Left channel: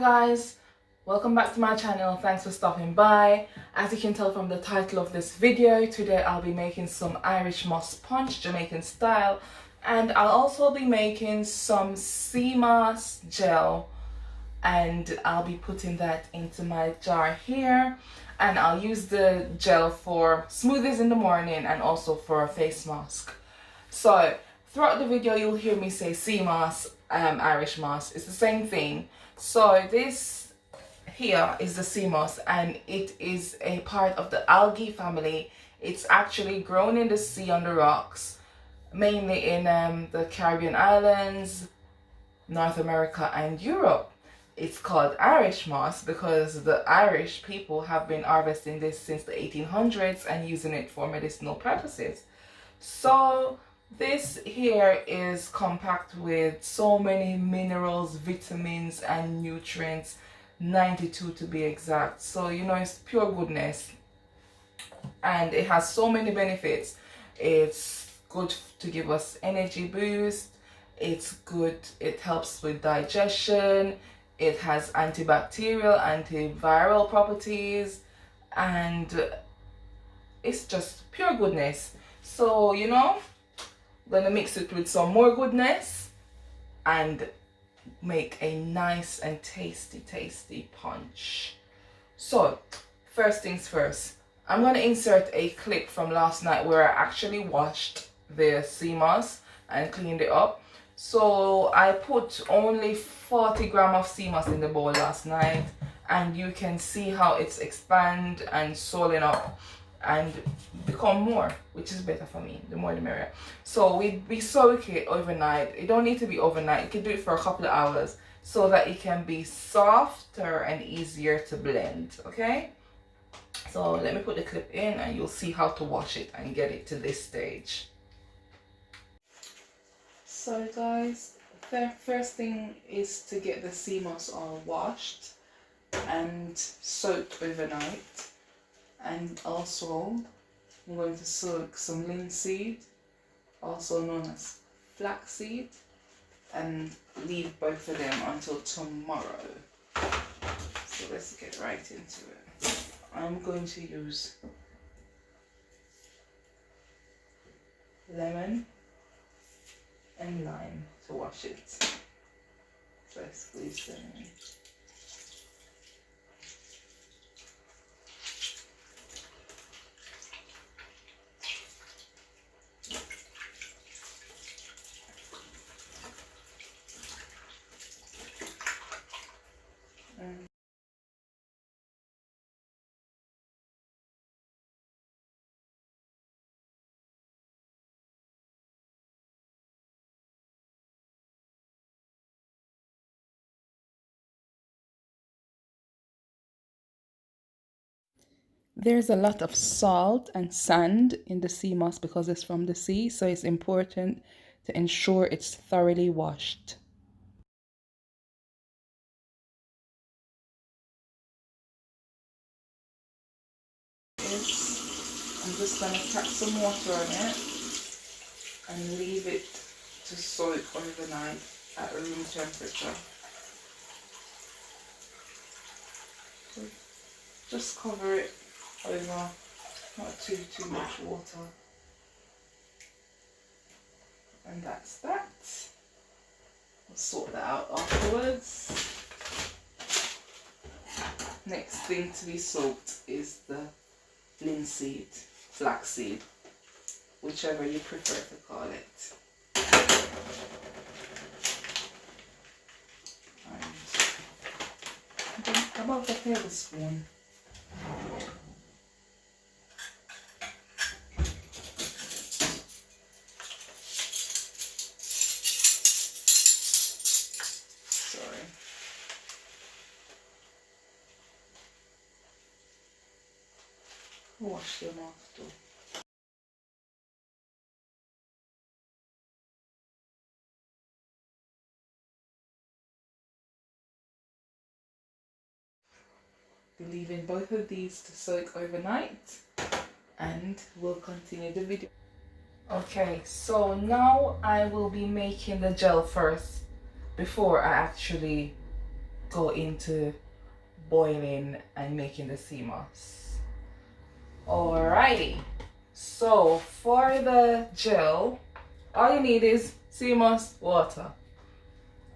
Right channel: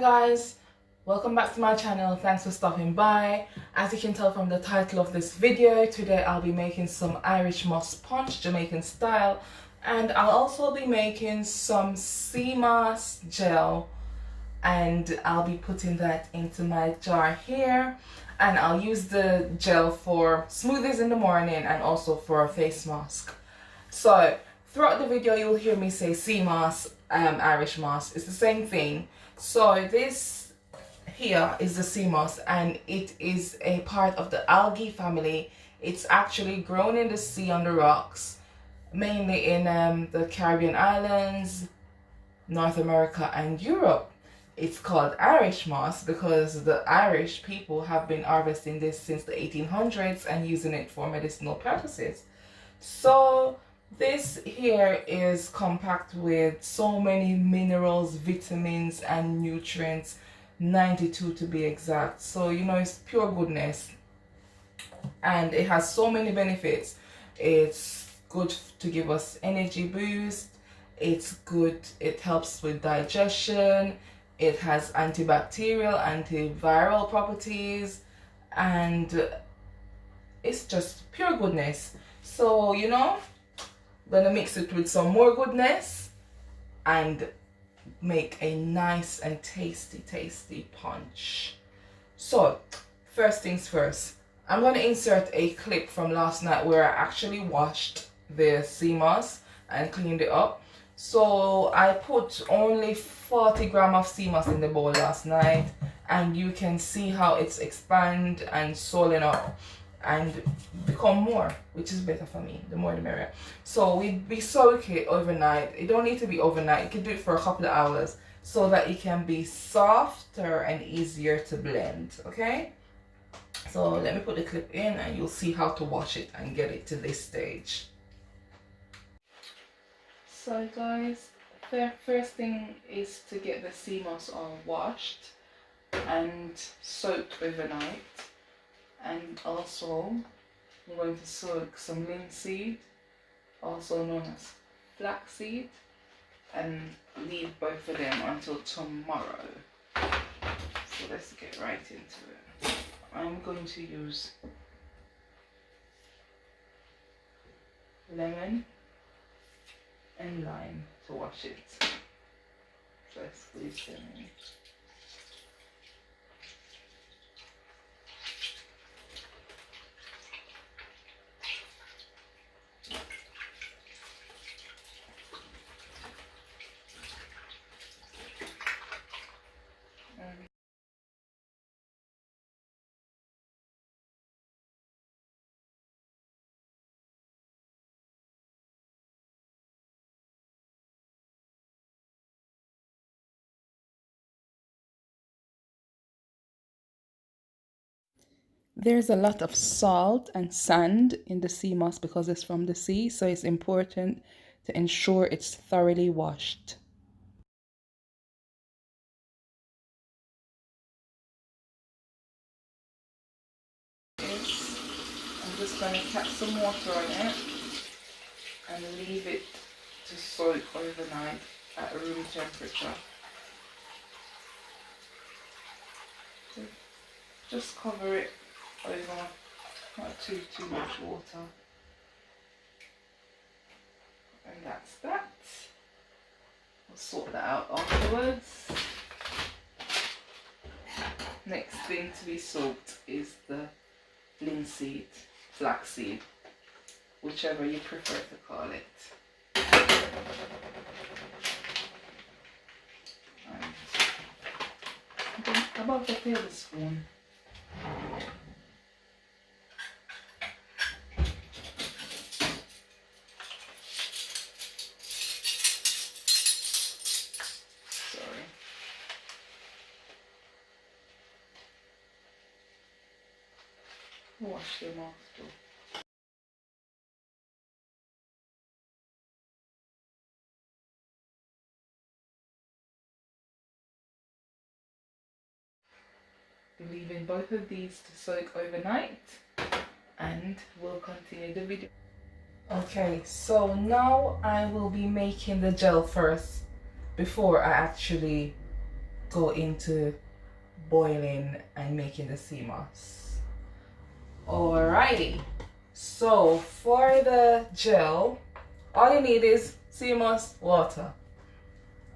guys, welcome back to my channel. Thanks for stopping by. As you can tell from the title of this video, today I'll be making some Irishmoss punch, Jamaican style, and I'll also be making some Seamoss gel, and I'll be putting that into my jar here, and I'll use the gel for smoothies in the morning and also for a face mask. So throughout the video you'll hear me say Seamoss, Irishmoss. It's the same thing. So this here is the Seamoss, and it is a part of the algae family. It's actually grown in the sea on the rocks, mainly in the Caribbean islands, North America and Europe. It's called Irishmoss because the Irish people have been harvesting this since the 1800s and using it for medicinal purposes. So this here is compact with so many minerals, vitamins and nutrients, 92 to be exact. So you know, it's pure goodness and it has so many benefits. It's good to give us energy boost, it's good, it helps with digestion, it has antibacterial, antiviral properties, and it's just pure goodness. So you know, I'm gonna mix it with some more goodness and make a nice and tasty punch. So first things first, I'm gonna insert a clip from last night where I actually washed the Seamoss and cleaned it up. So I put only 40 grams of Seamoss in the bowl last night, and you can see how it's expand and swollen up and become more, which is better for me. The more the merrier. So we soak it overnight. It don't need to be overnight. You can do it for a couple of hours so that it can be softer and easier to blend. Okay, so let me put the clip in and you'll see how to wash it and get it to this stage. So guys, the first thing is to get the Seamoss all washed and soaked overnight. And also I'm going to soak some linseed, also known as flaxseed, and leave both of them until tomorrow. So let's get right into it. I'm going to use lemon and lime to wash it. So I squeeze them in. There's a lot of salt and sand in the Seamoss because it's from the sea, so it's important to ensure it's thoroughly washed. I'm just going to tap some water on it and leave it to soak overnight at room temperature. So just cover it over, not too much water, and that's that. We'll sort that out afterwards. Next thing to be soaked is the linseed, flaxseed, whichever you prefer to call it. And about a tablespoon. Wash them off too. Be leaving both of these to soak overnight, and we'll continue the video. Okay, so now I will be making the gel first before I actually go into boiling and making the Seamoss. Alrighty, so for the gel, all you need is Seamoss, water.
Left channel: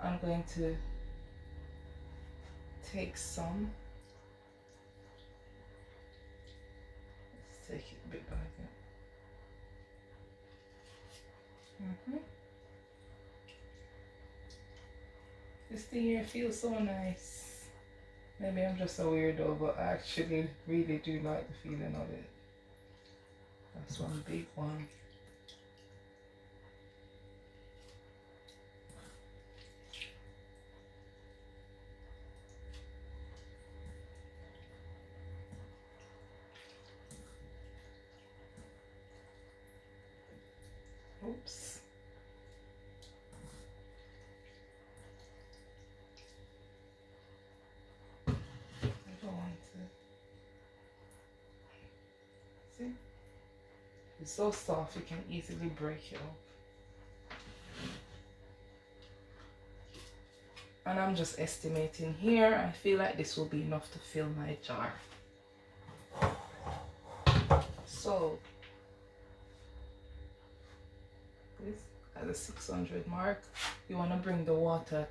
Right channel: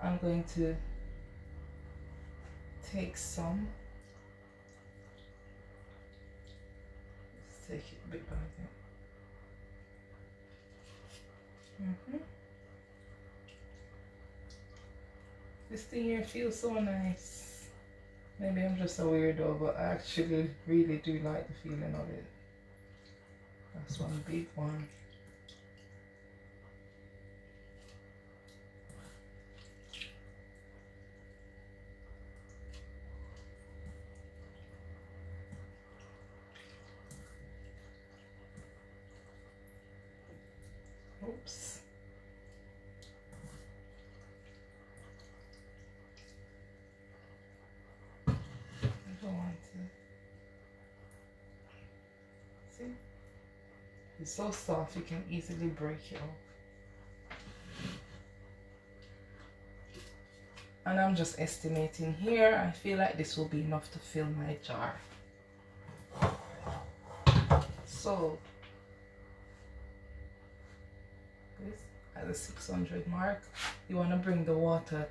I'm going to take some. Let's take it a bit back. This thing here feels so nice. Maybe I'm just a weirdo, but I actually really do like the feeling of it. That's one big one. Oops. I don't want to. See? It's so soft you can easily break it off. And I'm just estimating here. I feel like this will be enough to fill my jar. So this at the 600 mark, you want to bring the water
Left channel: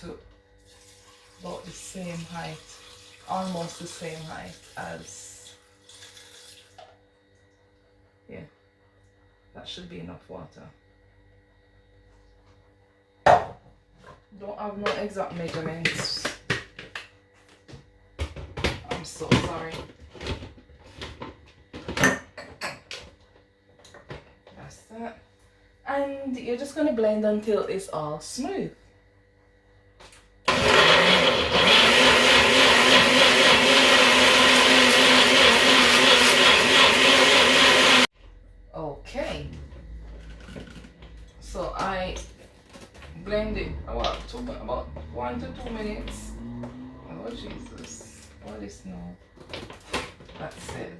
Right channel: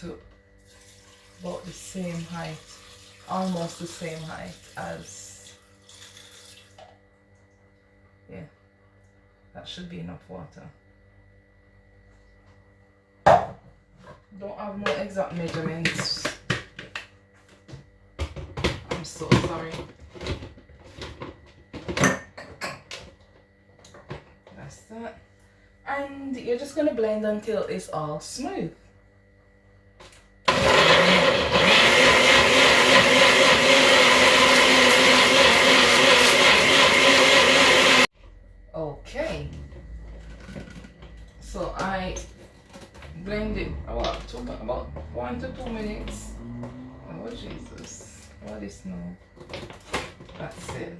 to about the same height, almost the same height as, yeah, that should be enough water. Don't have no exact measurements. I'm so sorry. That's that. And you're just going to blend until it's all smooth. Okay. So I blend it about 1 to 2 minutes. Oh Jesus, what is no? That's it.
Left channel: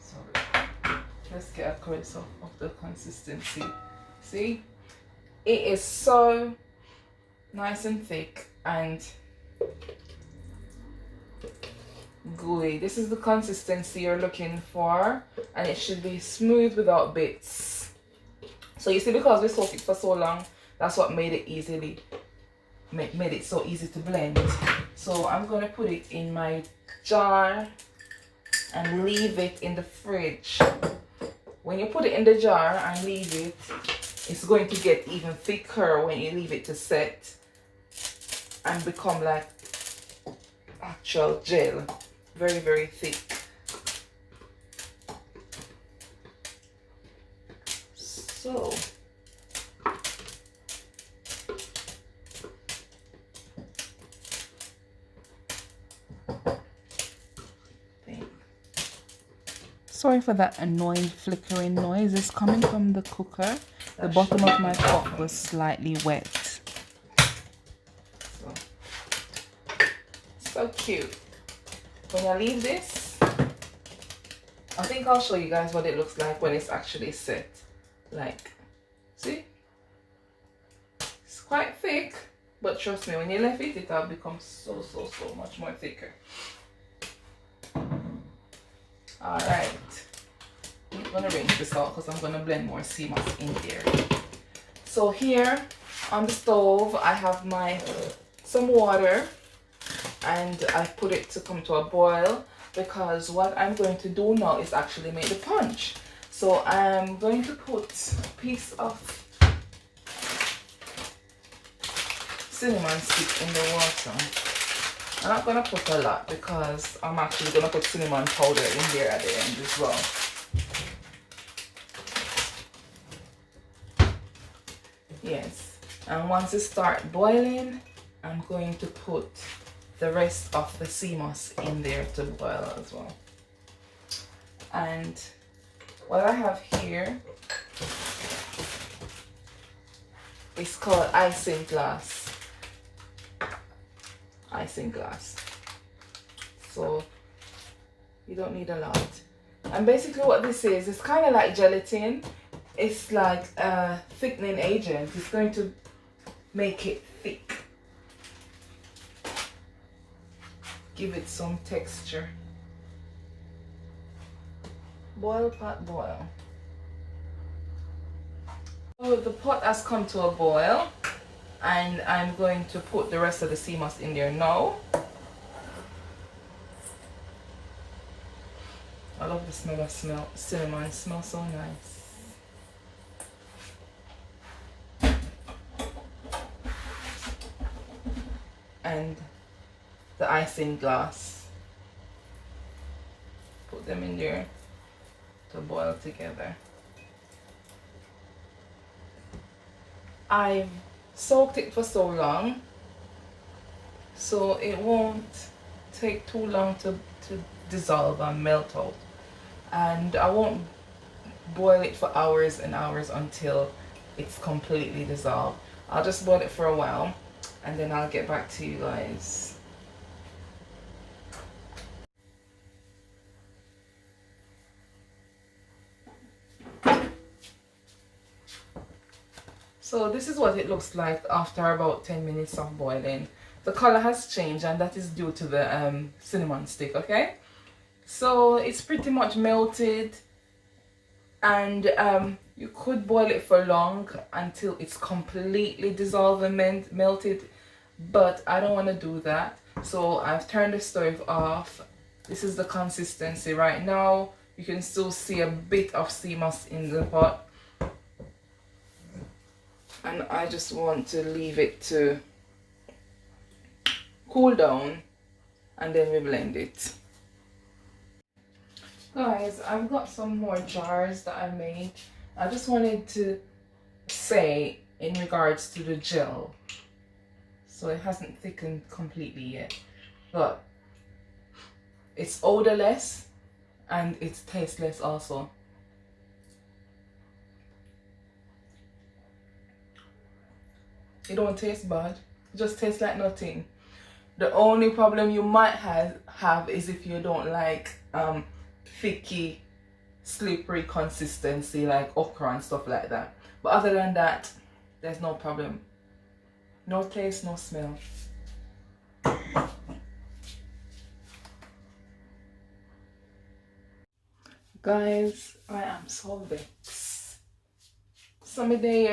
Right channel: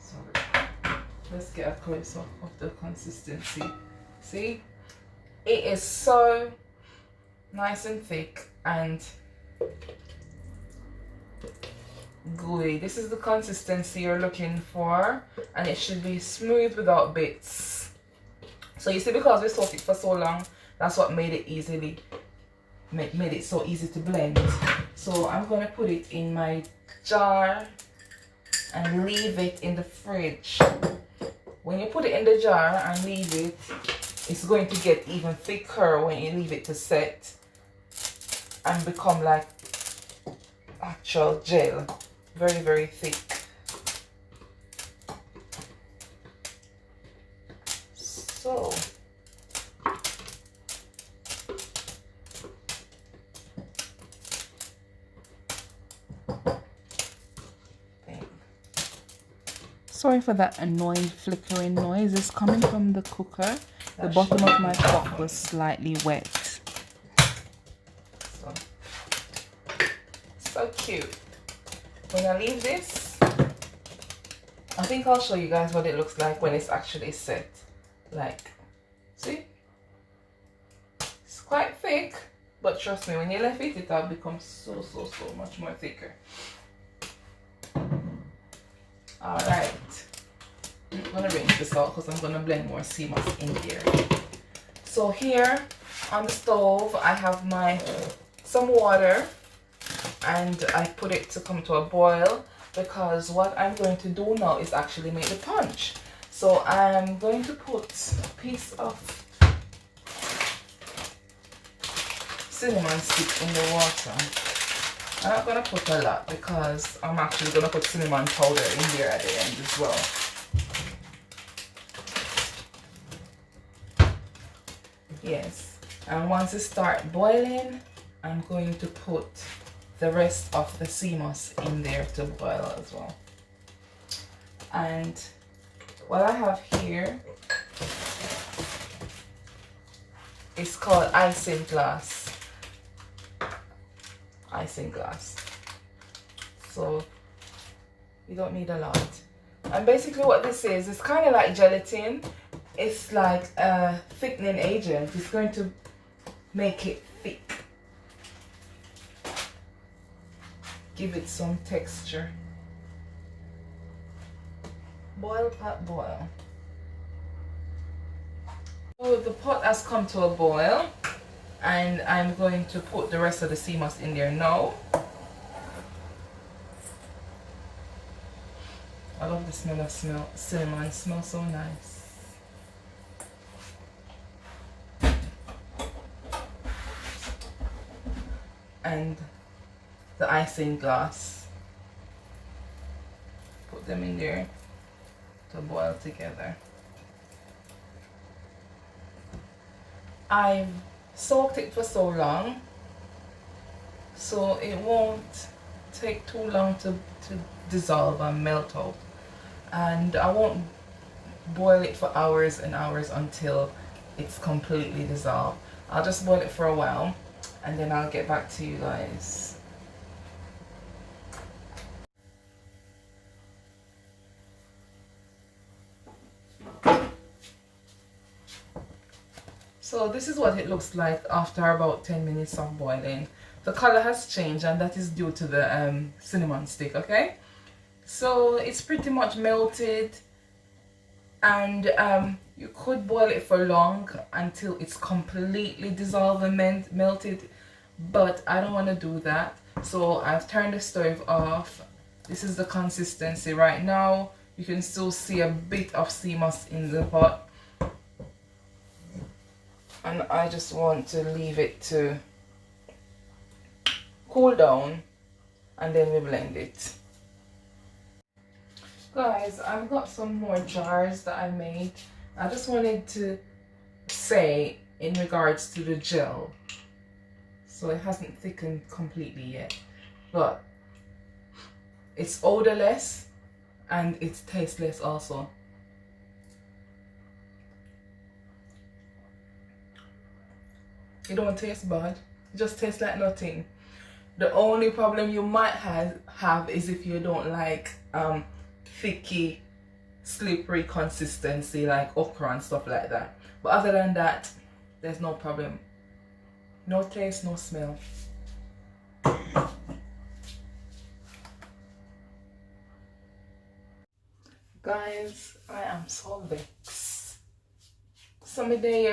Sorry. Let's get a close up of the consistency. See, it is so nice and thick and gooey. This is the consistency you're looking for, and it should be smooth without bits. So you see, because we soaked it for so long, that's what made it so easy to blend. So I'm going to put it in my jar and leave it in the fridge. When you put it in the jar and leave it, it's going to get even thicker when you leave it to set and become like actual gel. Very, very thick. So sorry for that annoying flickering noise. It's coming from the cooker. The bottom of my pot was slightly wet. So cute. When I leave this, I think I'll show you guys what it looks like when it's actually set. Like, see? It's quite thick, but trust me, when you left it, it'll become so much more thicker. Alright. I'm gonna rinse this out because I'm gonna blend more Seamoss in here. So here on the stove, I have some water, and I put it to come to a boil because what I'm going to do now is actually make the punch. So I'm going to put a piece of cinnamon stick in the water. I'm not going to put a lot because I'm actually going to put cinnamon powder in there at the end as well. Yes, and once it starts boiling, I'm going to put the rest of the Seamoss in there to boil as well. And what I have here is called Ising glass. Ising glass. So you don't need a lot. And basically what this is, it's kind of like gelatin. It's like a thickening agent. It's going to make it thick. Give it some texture. Boil, pot, boil. So the pot has come to a boil, and I'm going to put the rest of the Seamoss in there now. I love the smell of cinnamon. It smells so nice. And the Ising glass. Put them in there to boil together. I've soaked it for so long, so it won't take too long to dissolve and melt out. And I won't boil it for hours and hours until it's completely dissolved. I'll just boil it for a while and then I'll get back to you guys. So this is what it looks like after about 10 minutes of boiling. The color has changed, and that is due to the cinnamon stick, okay? So it's pretty much melted, and you could boil it for long until it's completely dissolved and melted, but I don't want to do that. So I've turned the stove off. This is the consistency right now. You can still see a bit of Seamoss in the pot, and I just want to leave it to cool down, and then we blend it. Guys, I've got some more jars that I made. I just wanted to say in regards to the gel, so it hasn't thickened completely yet, but it's odorless and it's tasteless also. It don't taste bad, it just tastes like nothing. The only problem you might have is if you don't like thicky, slippery consistency like okra and stuff like that. But other than that, there's no problem. No taste, no smell. Guys, I am so vexed. Some day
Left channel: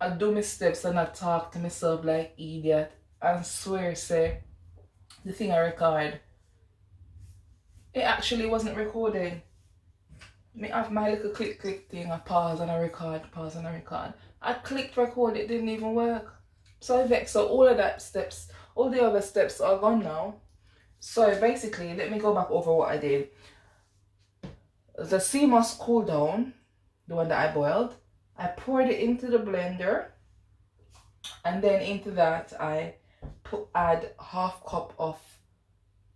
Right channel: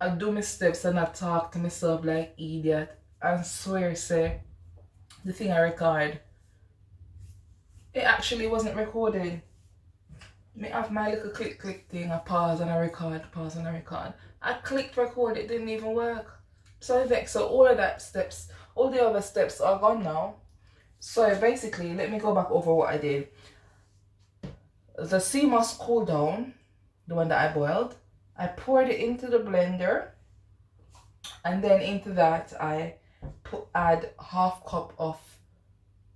I do my steps and I talk to myself like idiot. I swear, say, the thing I record, it actually wasn't recorded. Me have my little click thing, I pause and I record, pause and I record. I clicked record, it didn't even work. So I vexed. So all of that steps, all the other steps are gone now. So basically, let me go back over what I did. The Seamoss cooled down, the one that I boiled. I poured it into the blender, and then into that I add half cup of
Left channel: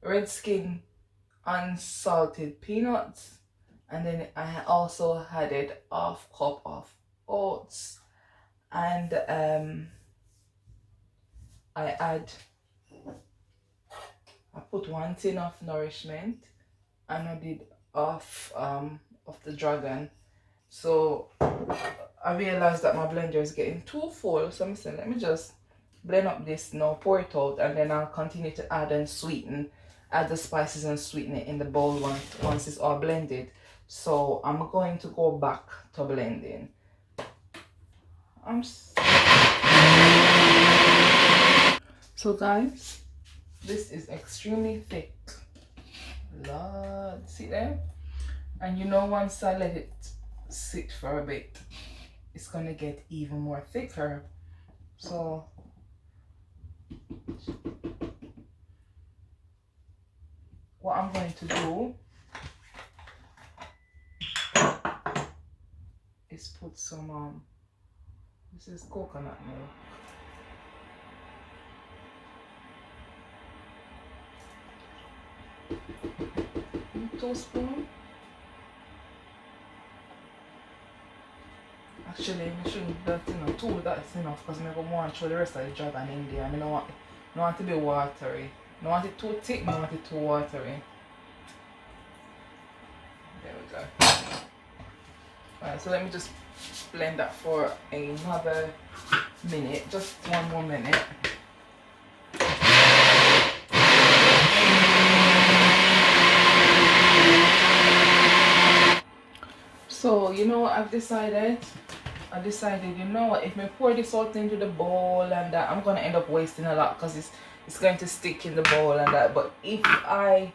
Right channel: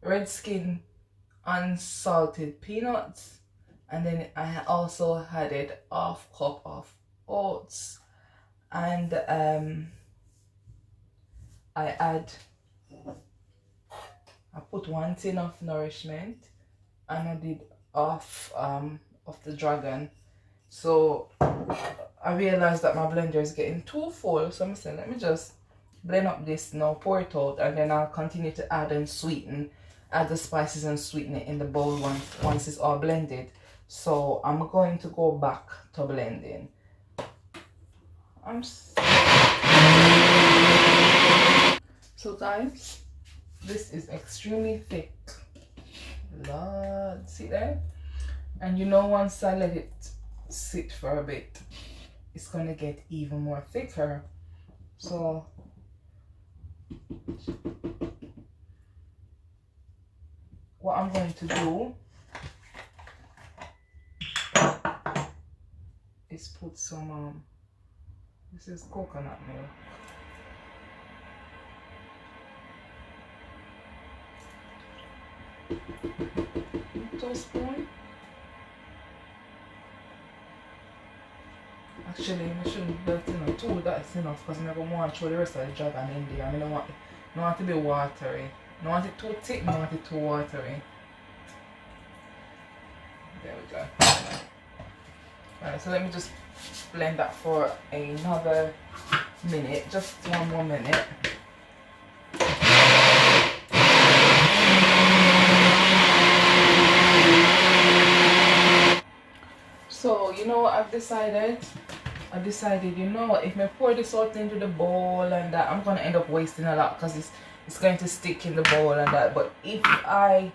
red skin unsalted peanuts, and then I also added half cup of oats, and I put 1 tin of nourishment, and I did half of the dragon. So I realized that my blender is getting too full, so I'm saying let me just blend up this now, pour it out, and then I'll continue to add and sweeten, add the spices and sweeten it in the bowl once it's all blended. So I'm going to go back to blending. So guys, this is extremely thick. Lord, see there? And you know, once I let it sit for a bit, it's gonna get even more thicker. So what I'm going to do is put some this is coconut milk. Teaspoon. Actually, I shouldn't, but you know, 2 that's enough, because I'm going to want to throw the rest of the dragon in there. I mean, I don't want it to be watery. I don't want it too thick, I don't want it too watery. There we go. Alright, so let me just blend that for another minute, just 1 more minute. So you know, I've decided, you know what, if I pour this out into the bowl and that, I'm gonna end up wasting a lot because it's going to stick in the bowl and that. But if I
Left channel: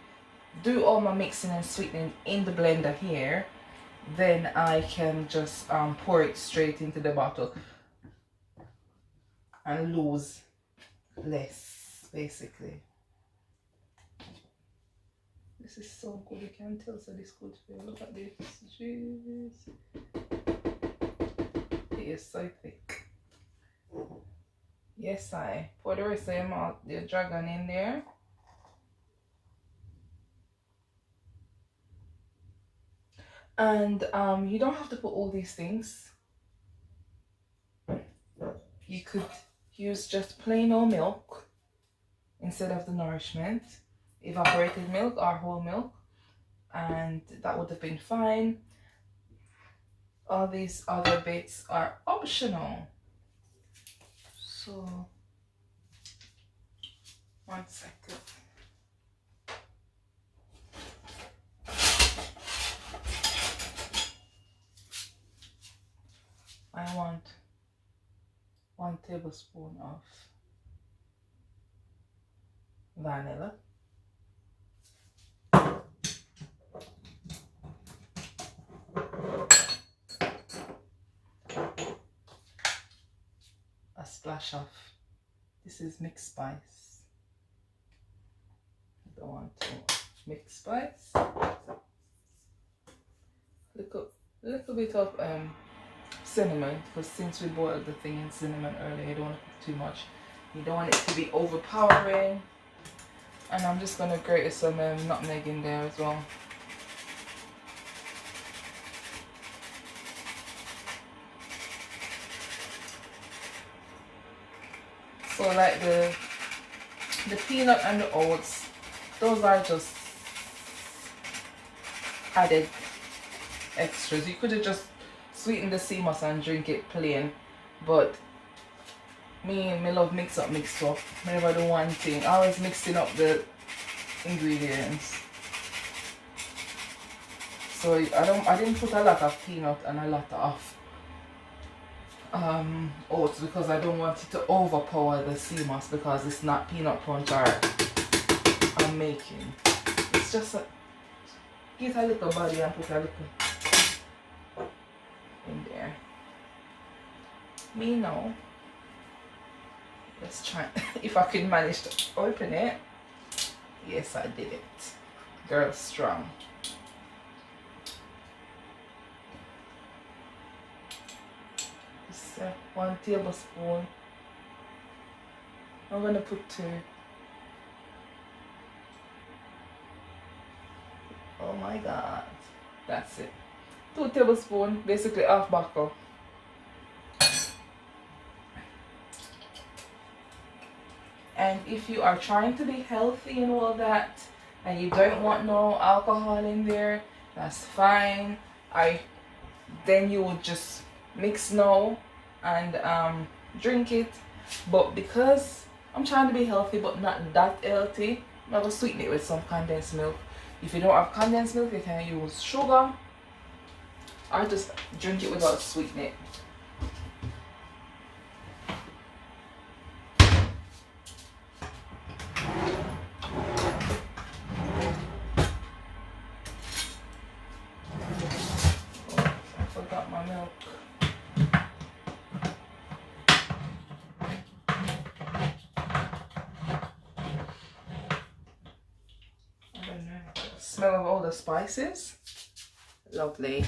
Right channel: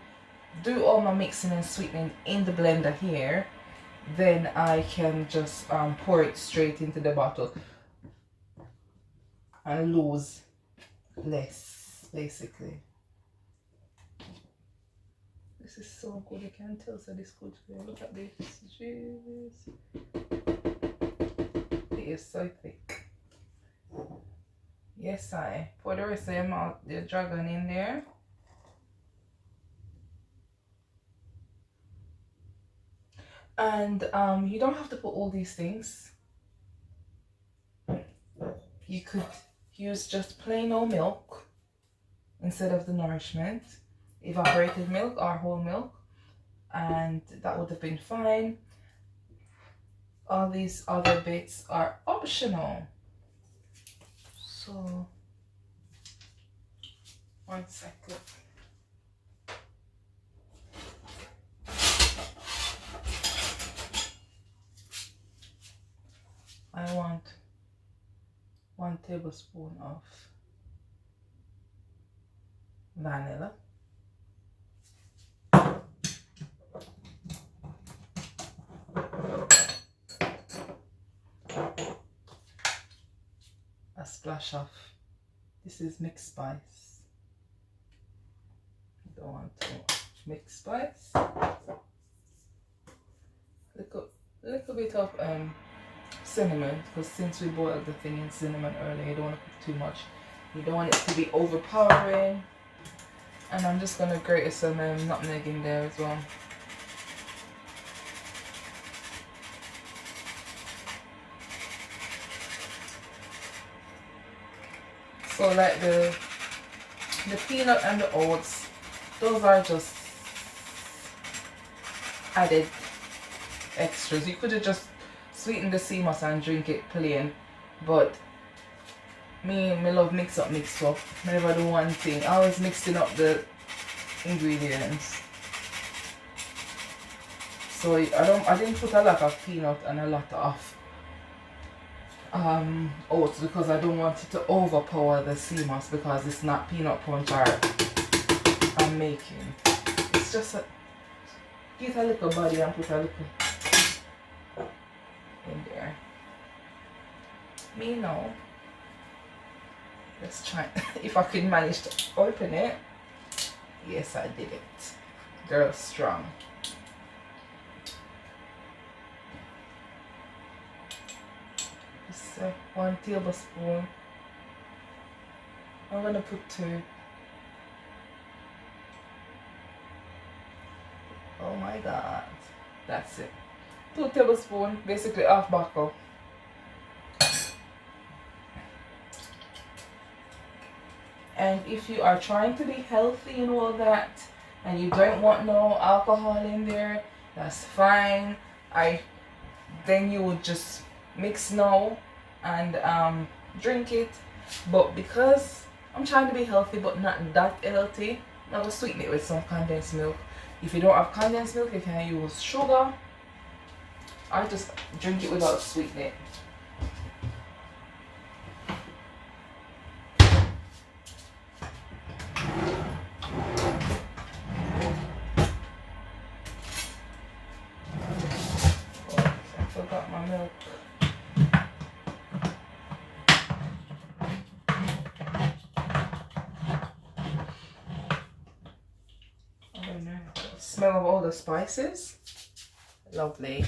do all my mixing and sweetening in the blender here, then I can just pour it straight into the bottle and lose less, basically. This is so good, I can tell so this good for you. Look at this juice. It is so thick. Yes, I pour the rest of the dragon in there. And you don't have to put all these things. You could use just plain old milk instead of the nourishment, evaporated milk or whole milk, and that would have been fine. All these other bits are optional. So, 1 second. I want 1 tablespoon of vanilla. A splash of, this is mixed spice. I don't want too much mixed spice. Little bit of cinnamon, because since we boiled the thing in cinnamon earlier, you don't want to put too much. You don't want it to be overpowering. And I'm just going to grate some nutmeg in there as well. So like the peanut and the oats, those are just added extras. You could have just sweetened the Seamoss and drink it plain, but me love mix up. Whenever I do one thing, I always mixing up the ingredients. So I didn't put a lot of peanut and a lot of oats because I don't want it to overpower the Seamoss, because it's not peanut punch I'm making. It's just get a little body and put a little in there. Me now. Let's try if I can manage to open it. Yes, I did it. Girl strong. Just 1 tablespoon. I'm gonna put 2. Oh my god. That's it. 2 tablespoons, basically half buckle. And if you are trying to be healthy and all that, and you don't want no alcohol in there, that's fine. Then you would just mix now and drink it. But because I'm trying to be healthy but not that healthy, I'm gonna sweeten it with some condensed milk. If you don't have condensed milk, you can use sugar or just drink it without sweetening it. Smell of all the spices. Lovely.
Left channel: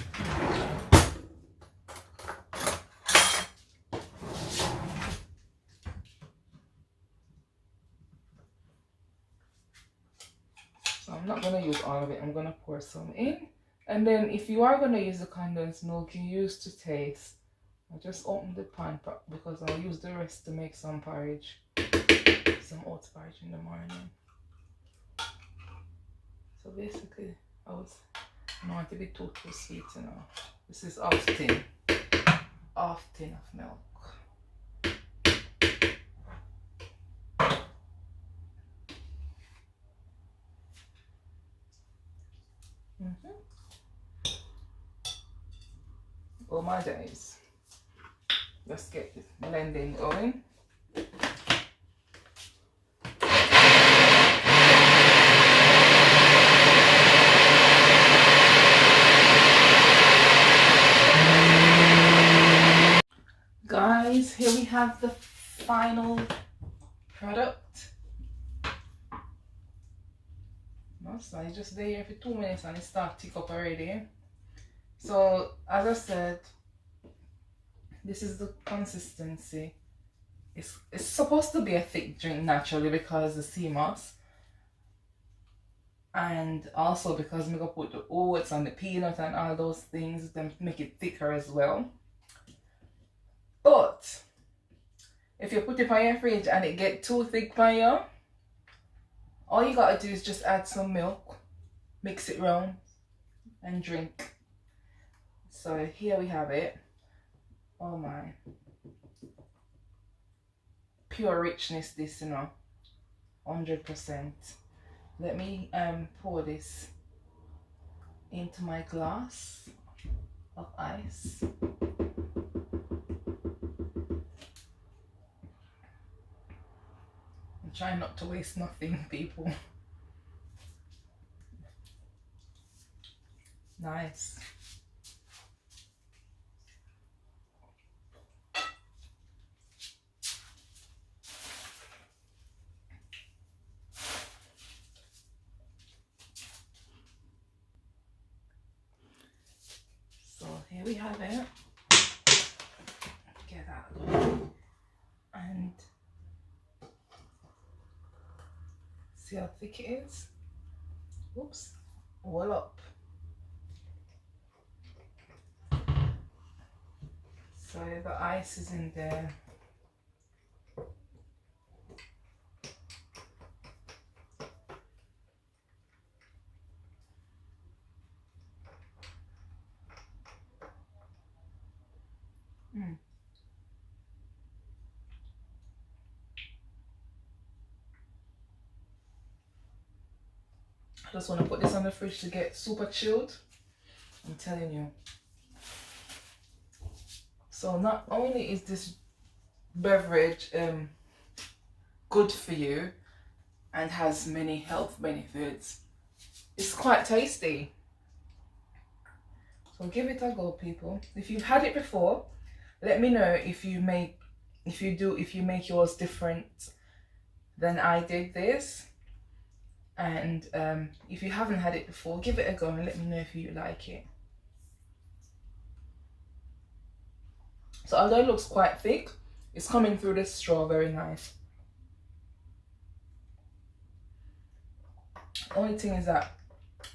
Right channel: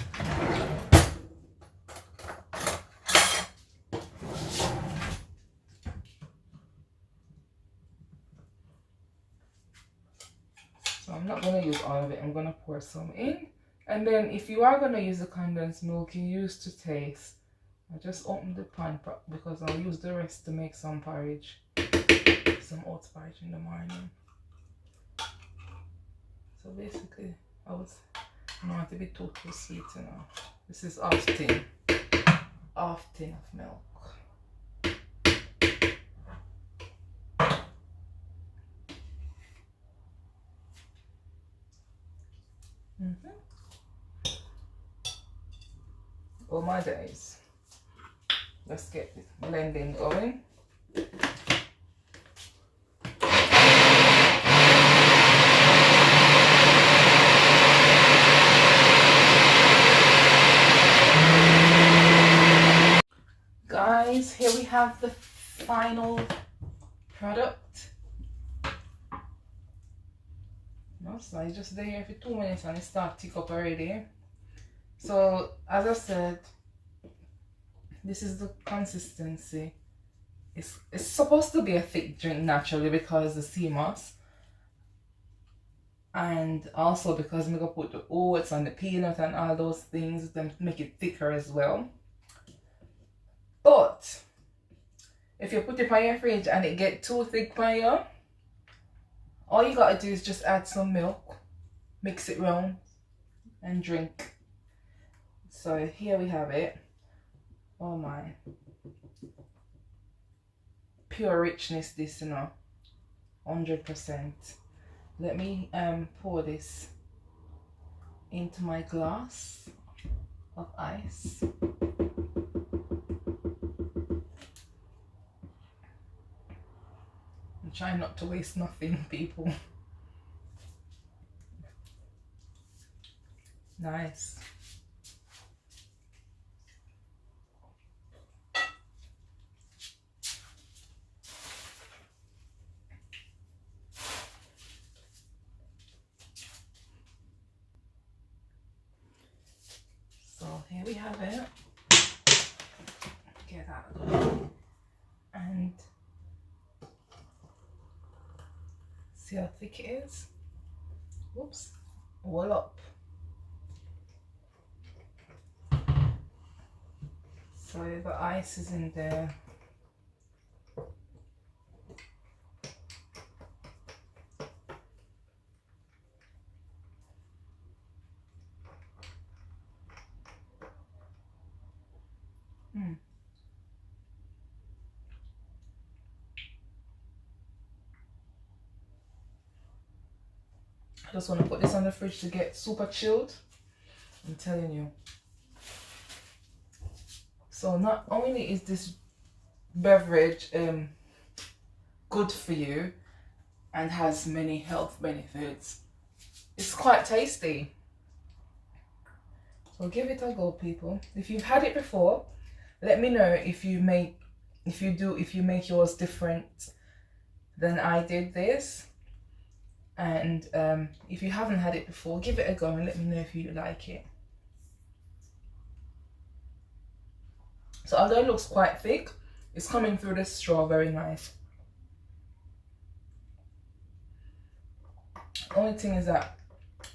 So I'm not going to use all of it. I'm going to pour some in. And then if you are going to use the condensed milk, you use to taste. I just opened the pan because I'll use the rest to make some porridge. Some oats porridge in the morning. So basically, I don't want to be too sweet, you know. This is half tin of milk. Oh my days. Let's get this blending going. Guys, here we have the final product. So it's just there for 2 minutes and it starts to tick up already. So as I said, this is the consistency. It's supposed to be a thick drink naturally because the Seamoss, and also because I'm gonna put the oats and the peanut and all those things, then make it thicker as well. But if you put it on your fridge and it get too thick for you, all you gotta do is just add some milk, mix it round, and drink. So here we have it. Oh my, pure richness, this, you know, 100%. Let me pour this into my glass of ice. I'm trying not to waste nothing, people. Nice. So here we have it. Get that going. And see how thick it is. Whoops. All up. So the ice is in there. I just want to put this on the fridge to get super chilled. I'm telling you. So not only is this beverage good for you and has many health benefits, it's quite tasty. So give it a go, people. If you've had it before, let me know if you make yours different than I did this. And if you haven't had it before, give it a go and let me know if you like it. So although it looks quite thick, it's coming through the straw very nice. Only thing is that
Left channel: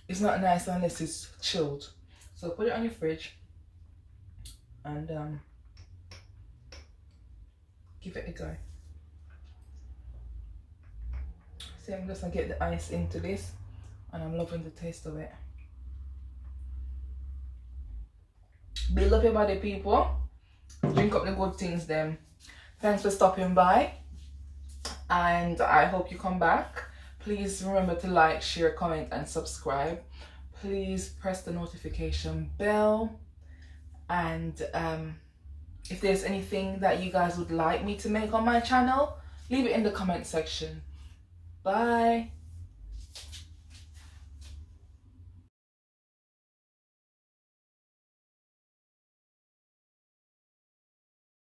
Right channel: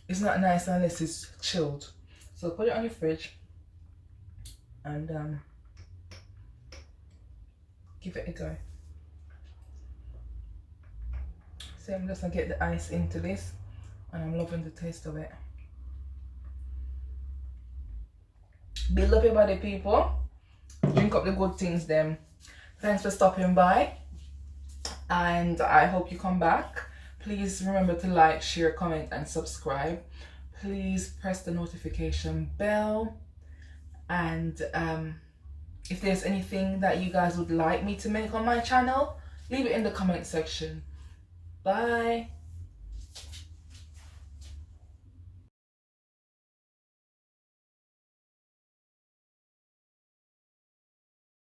it's not nice unless it's chilled. So put it on your fridge and give it a go. See, I'm just gonna get the ice into this and I'm loving the taste of it. Build up your body, people. Drink up the good things then. Thanks for stopping by and I hope you come back. Please remember to like, share, comment and subscribe. Please press the notification bell, and if there's anything that you guys would like me to make on my channel, leave it in the comment section. Bye.